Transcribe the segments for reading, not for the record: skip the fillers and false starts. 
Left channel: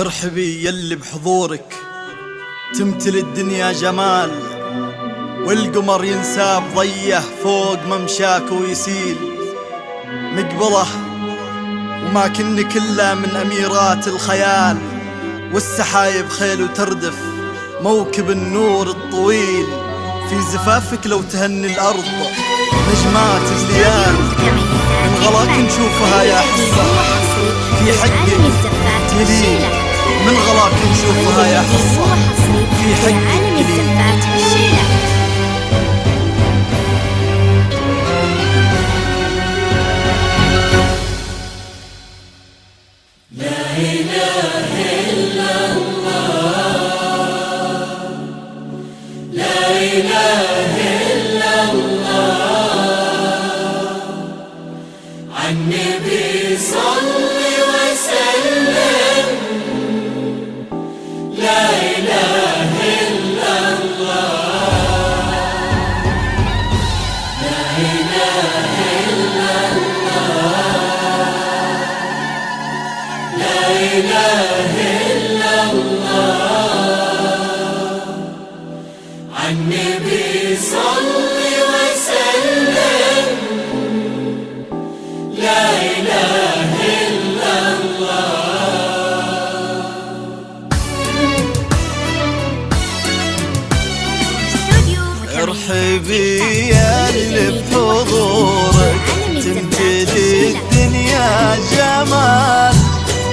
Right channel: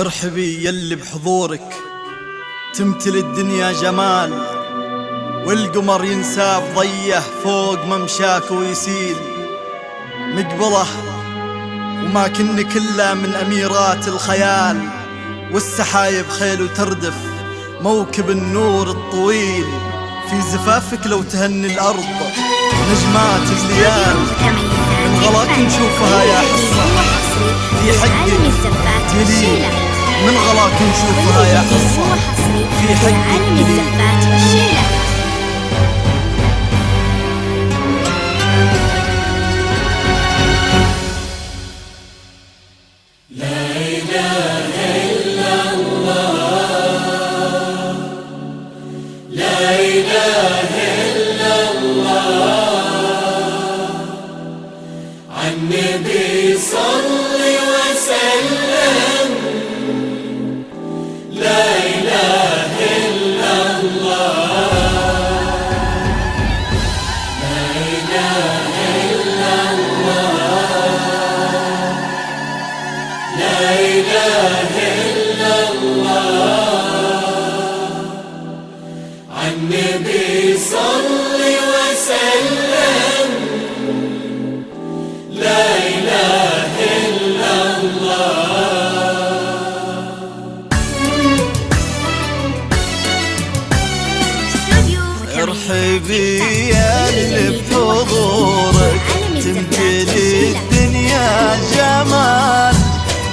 ارحبي يلي بحضورك تمتلي الدنيا جمال، والقمر ينساب ضيه فوق ممشاك ويسيل. مقبله وما كنك إلا من أميرات الخيال، والسحايب خيل وتردف موكب النور الطويل. في زفافك لو تهني الأرض نجمات الليال، من غلاك نشوفها يا حصة في حقك جليل. من غلاك نشوفها يا حصة في حقك جليل. لا إله إلا الله، لا إله إلا الله، عالنبي صل وسلم. لا إله إلا الله، لا إله إلا الله، لا إله إلا الله، عالنبي صل وسلم. لا إله إلا الله. ارحبي يا اللي بحضورك تمتلي الدنيا جمال،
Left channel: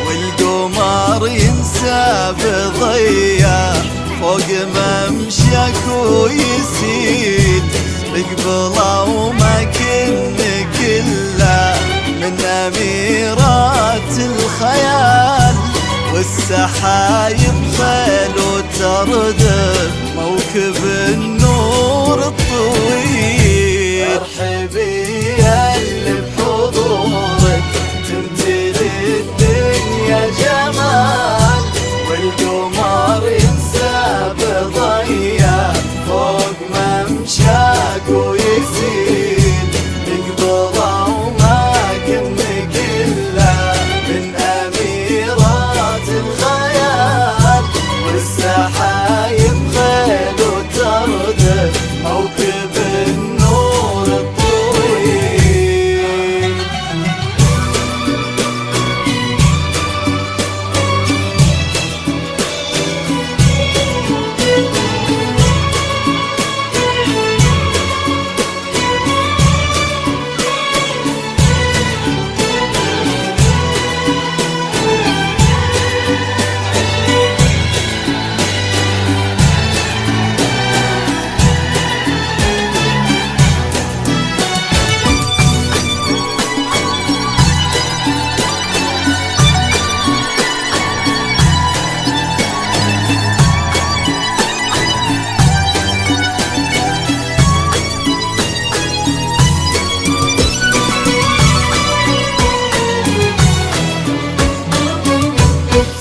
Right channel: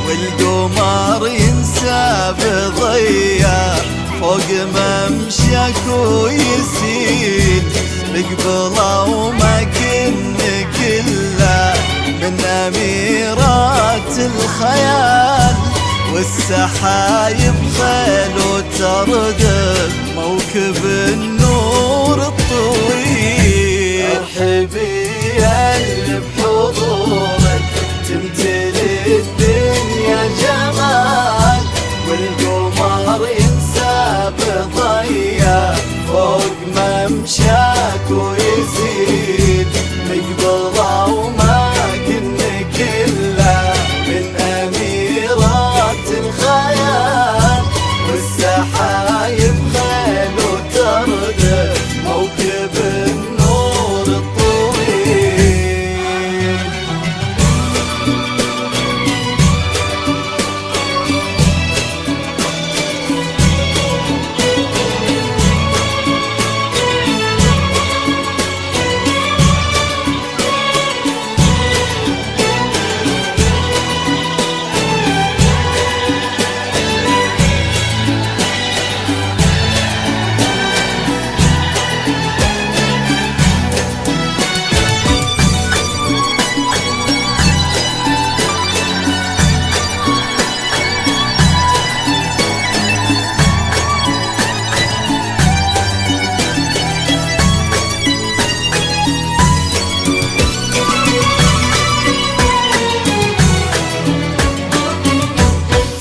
والقمر ينساب ضيا فوق ممشاك ويسيل. مقبله وما كنك إلا من أميرات الخيال، والسحايب خيل وتردف موكب النور الطويل. ارحبي يا اللي بحضورك تمتلي الدنيا جمال، والقمر ينساب ضيا فوق ممشاك ويسيل. مقبله وما كنك إلا من أميرات الخيال، والسحايب خيل وتردف موكب النور الطويل.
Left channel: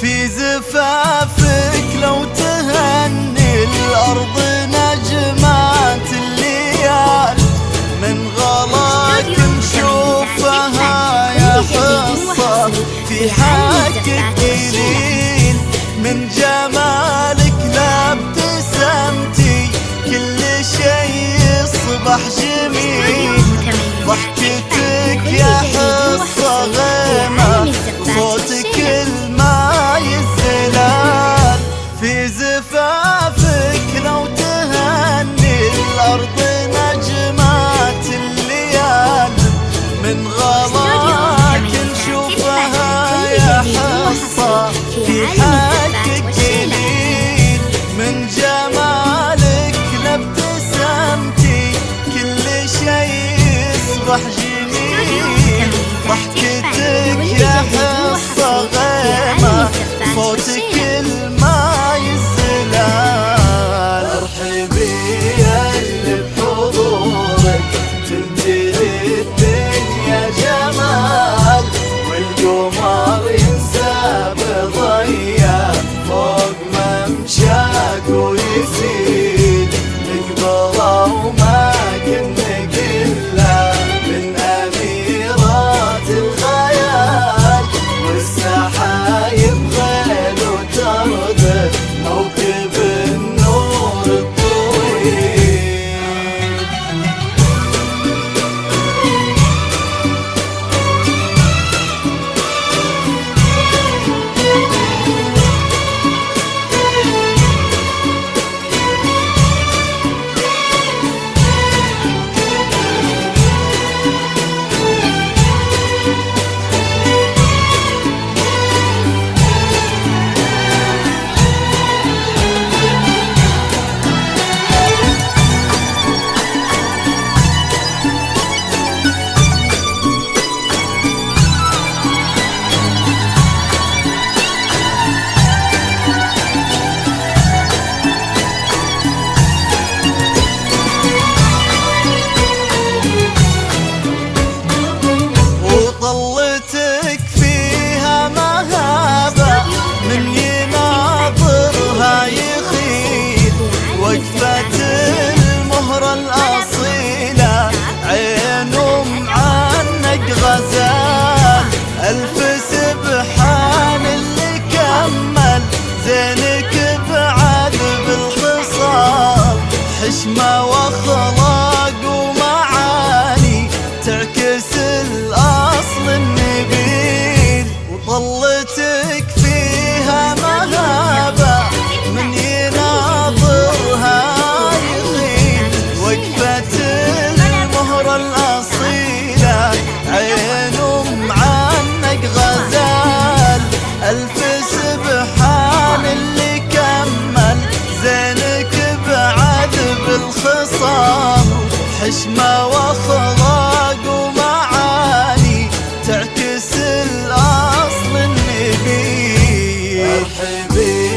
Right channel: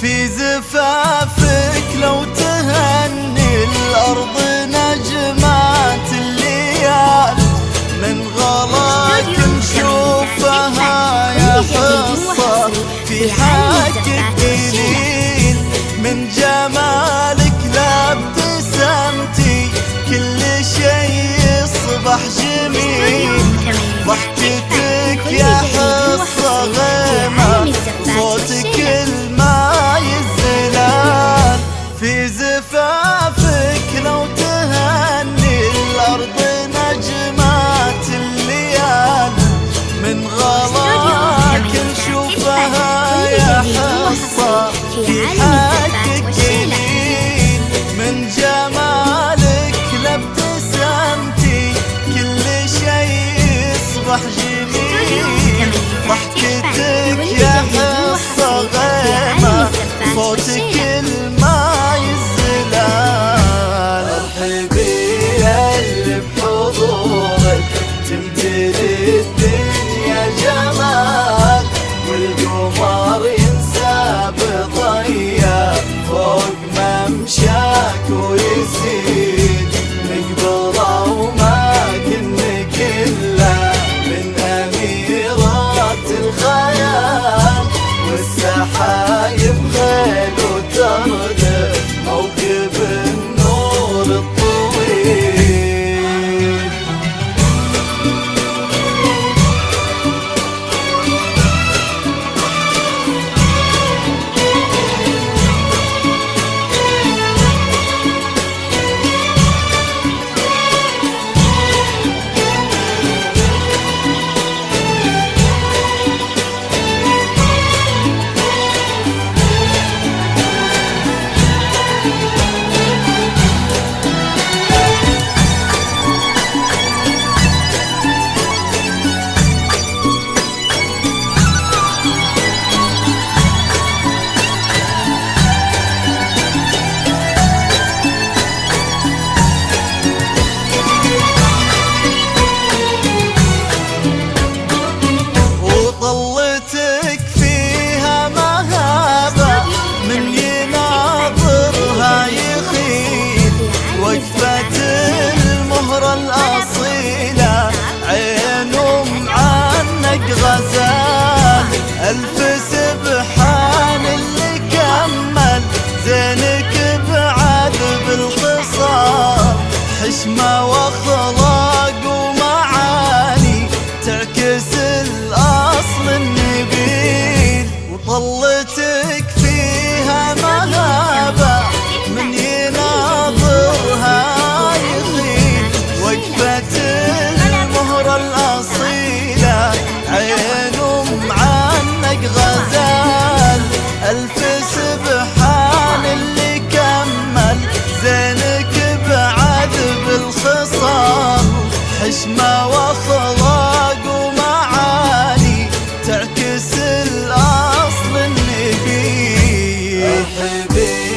في زفافك لو تهني الأرض نجمات الليال، من غلاك نشوفها يا حصة في حقك جليل. من جمالك لابتسمتي كل شي يصبح جميل. ضحكتك يا حصة غيمة وصوتك الماي الزلال. في زفافك لو تهني الأرض نجمات الليال، من غلاك نشوفها يا حصة في حقك جليل. من جمالك لابتسمتي كل شي يصبح جميل. ضحكتك يا حصة غيمة صوتك الماي الزلال. ارحبي يا اللي بحضورك تمتلي الدنيا جمال، والقمر ينساب ضيا فوق ممشاك ويسيل. مقبله وما كنك إلا من أميرات الخيال، والسحايب خيل حشمة واخلاق ومعاني تعكس الأصل النبيل. مرحبي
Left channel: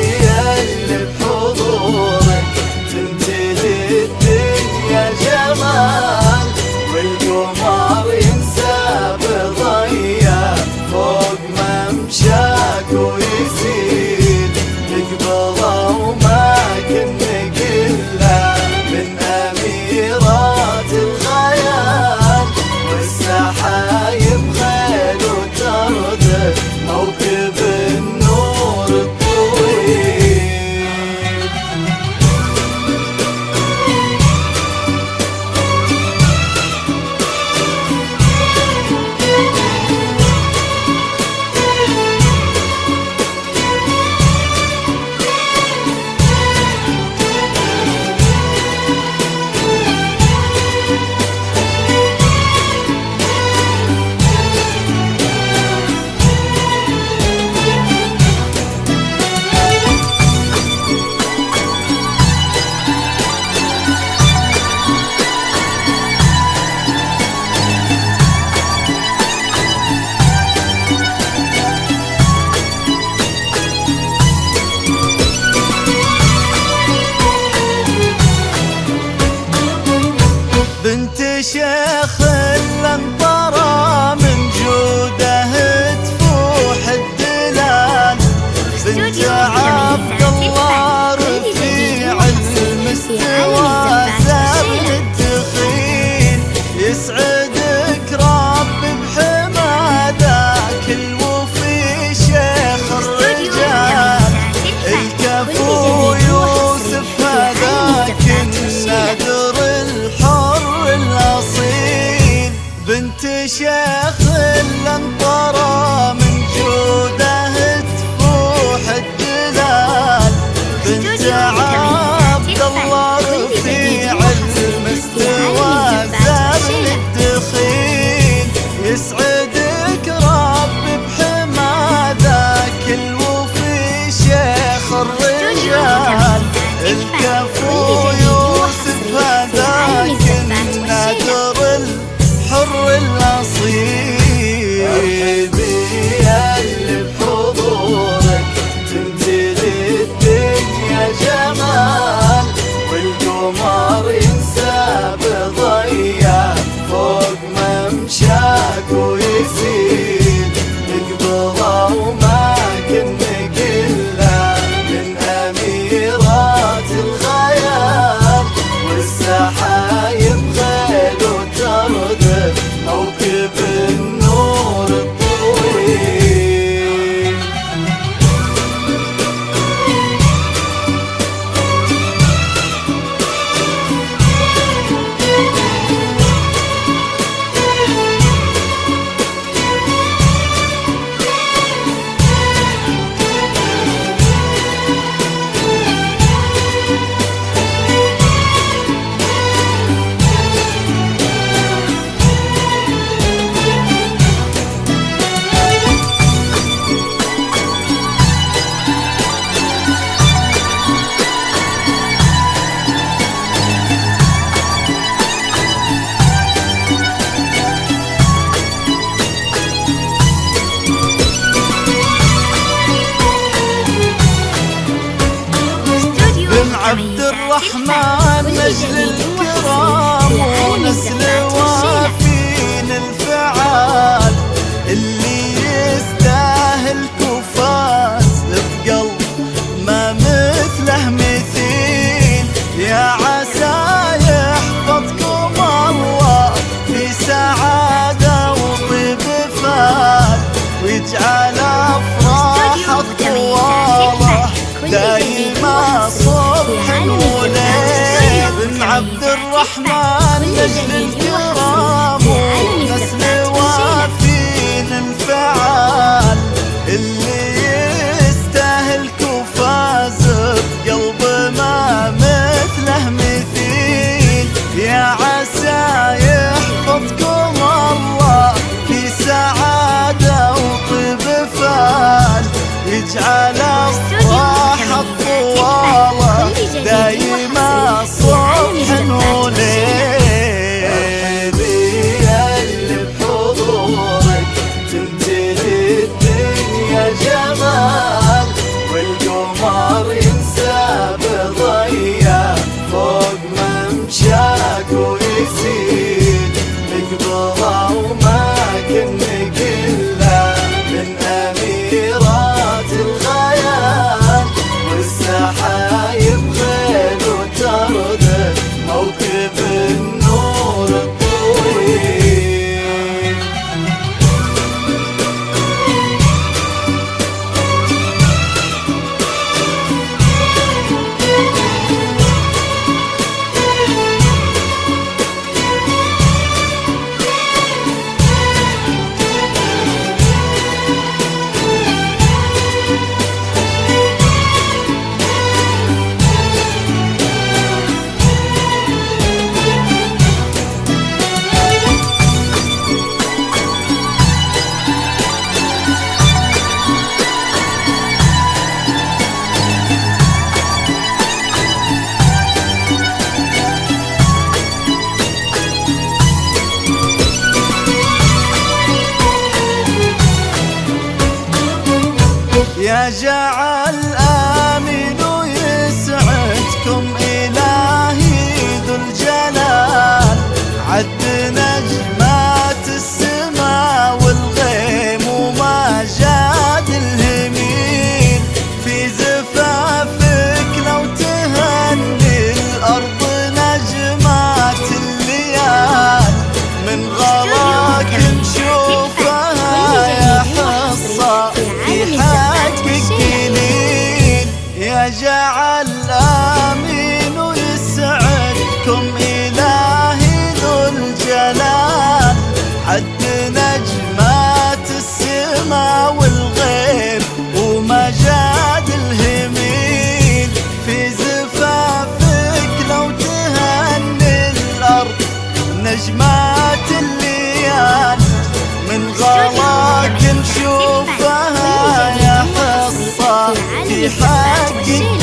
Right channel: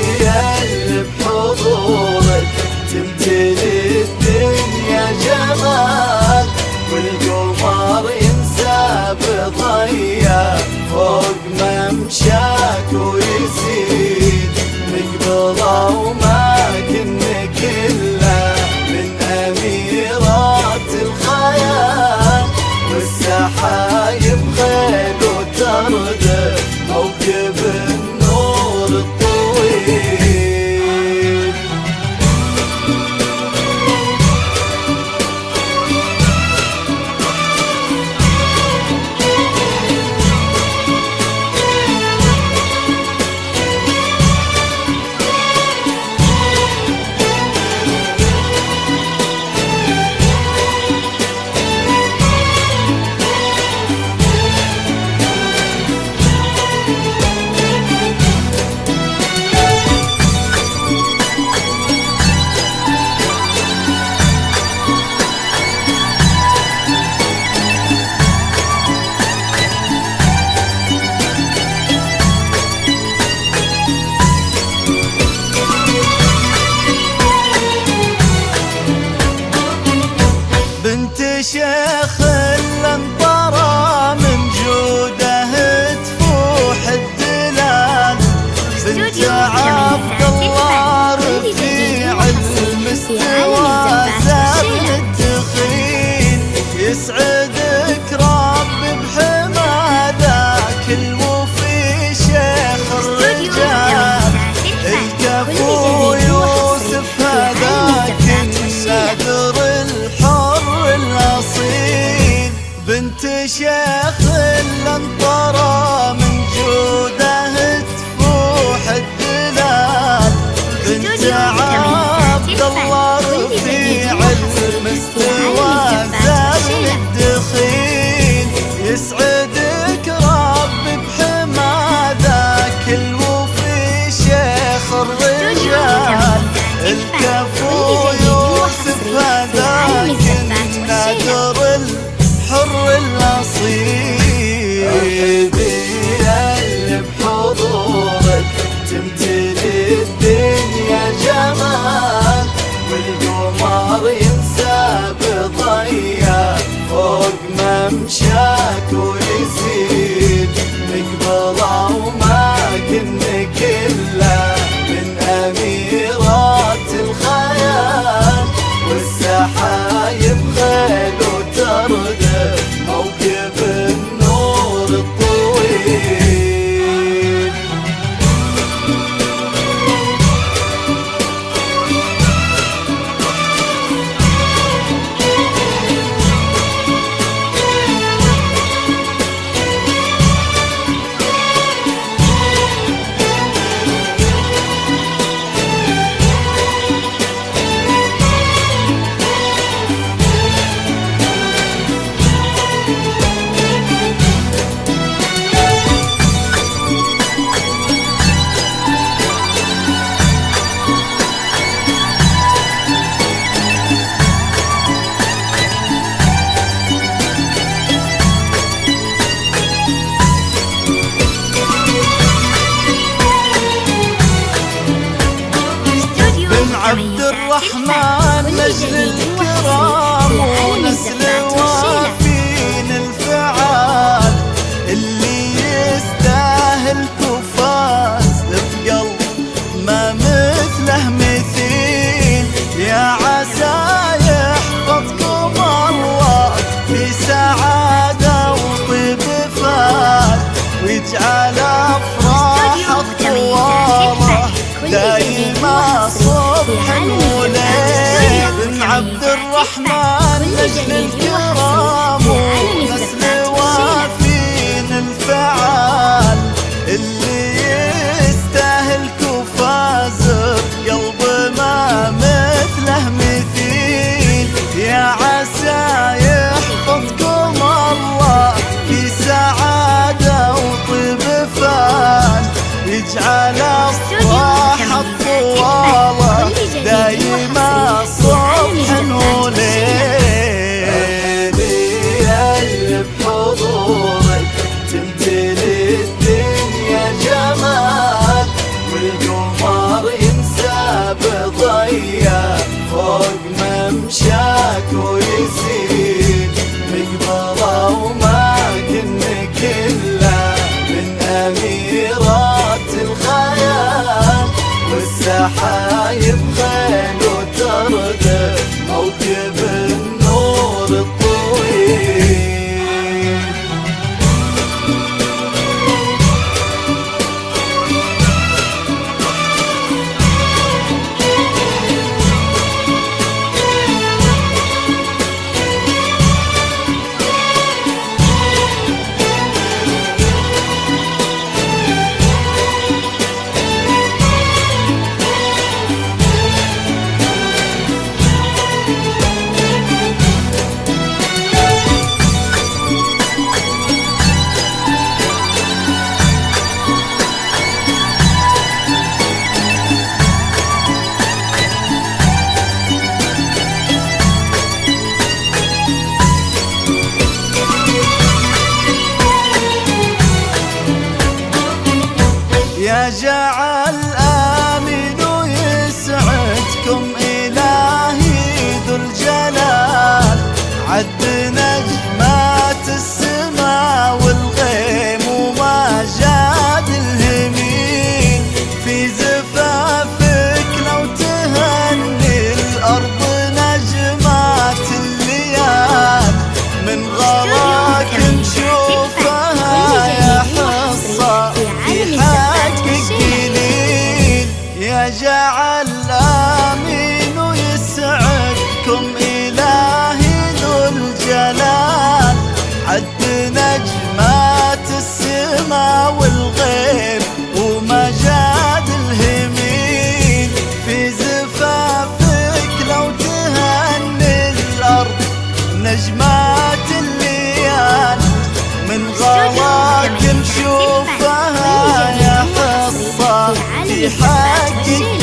اللي بحضورك تمتلي الدنيا جمال، والقمر ينسى بضيا فوق ممشاك ويزيد نقبضه وما كنا كله من أميرات الخيال، والسحايب خيل وتردد موكب النور الطويل. بنت شيخ الانطرى من جوده تفوح الدلال، بنت عبد الله رفيع المستوى زابل الدخيل، يسعدك رب بحما ذاك الوفي شيخ الرجال، الكفو يوسف هذاك النادر الحر الأصيل. بنت شيخ الانطرى من جوده تفوح الدلال، بنت عبد الله رفيع المستوى زابل الدخيل، يسعدك رب بحما ذاك الوفي شيخ الرجال، الكفو يوسف هذاك النادر الحر الأصيل. مرحبي اللي بحضورك تمتلي الدنيا جمال، والقمر ينسى بضيا فوق ممشاك ويزيد نقبضه وما كنا كله من أميرات الخيال، والسحايب خيل وتردد موكب النور الطويل. بن عبد الرحمن نجل الكرام ونسل وافين الفعال، اللي يستاهل كفاز بقلب ما مثله مثيل، يا عسى يحفظكم الله في سعادة وطيب فال، ويجعل أفراح طواله دايما صبح وليل. بن عبد الرحمن نجل الكرام ونسل وافين الفعال، اللي يستاهل كفاز بقلب ما مثله مثيل، يا عسى يحفظكم الله في سعادة وطيب فال، يجعل الصاحب طواله دايما صبح وليل. يا جعل آمين ويسعدكم إلهي ذو الجلال، عد نجمات السما والغيم وما جاد الهميل، في زفافك لو تهني الأرض نجمات الليال، من غلاك نشوفها يا حصة في حقك قليل. يا جعل آمين ويسعدكم إلهي ذو الجلال، عد نجمات السما والغيب وما جاد الهميل، في زفافك لو تهني الأرض نجمات الليال، من غلاك نشوفها يا حصة في حقك